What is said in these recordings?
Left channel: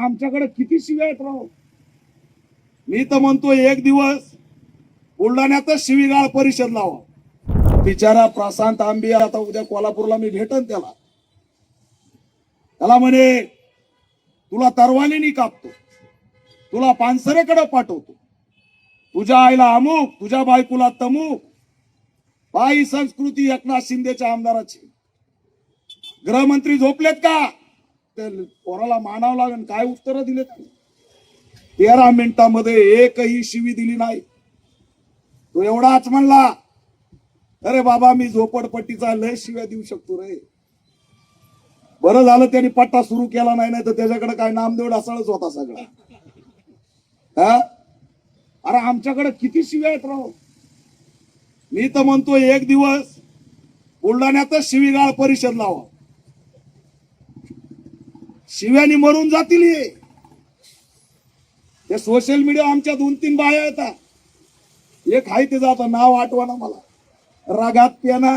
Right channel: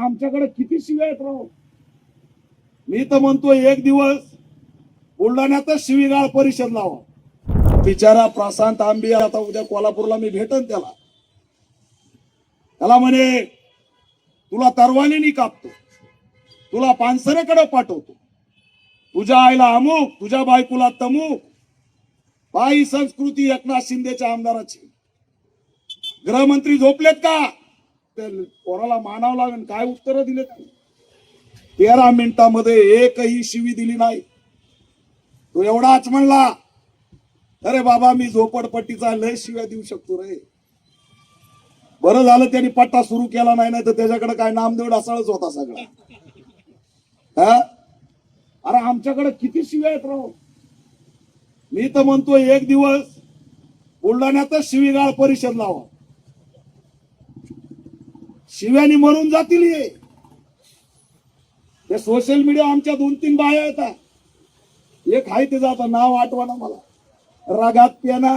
आमच्याकडे किती शिव्या आहेत राव. मी तर म्हणतो एक दिवस बुलढाण्यातच शिवीगाळ परिषद लावा. बिचारा प्रशांत आंबे आता उद्या कोल्हापूरला मी भेटन त्याला म्हणे तुला तरवानीनी कापतो, तुला पानसरेकडे पाठवतो, तुझ्या आईला अमुक, तुझ्या बायकोला तमुक. बाई संस्कृती एकनाथ शिंदेच्या आमदाराची. गृहमंत्री झोपलेत का? ते पोराला मानावं लागेल. काय उत्तर दिले? 13 मिनिटांमध्ये एकही शिवी दिली नाही. तो एवढाच म्हणला, अरे बाबा मी झोपडपट्टीचा लय शिव्या देऊ शकतो रे. बरं झालं त्यांनी पट्टा सुरू केला नाही, तर त्याच्याकडे काय नामदेव ढासळच होता सगळा. अरे आमच्याकडे किती शिव्या आहेत राव. मी तर म्हणतो एक दिवस बुलढाण्यातच शिवीगाळ परिषद लावा. शिव्यानी मरून जातील. ते सोशल मीडिया आमच्या 2-3 बाया येतात. एक आहे ते जात नाव आठवणा मला, रगात पेना.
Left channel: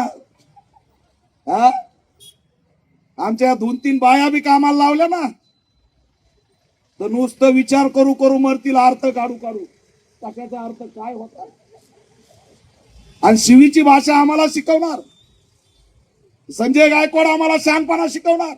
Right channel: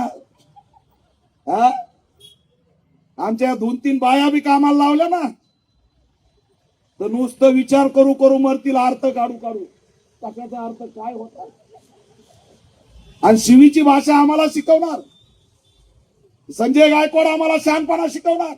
आमच्या 2-3 बाया बी कामाला लावल्या ना, तर नुसतं विचार करू करू मरतील, अर्थ काढू काढू. कशाचा अर्थ काय होता? आणि शिवीची भाषा आम्हाला शिकवणार. संजय गायकवाड आम्हाला शहाणपणा शिकवणार.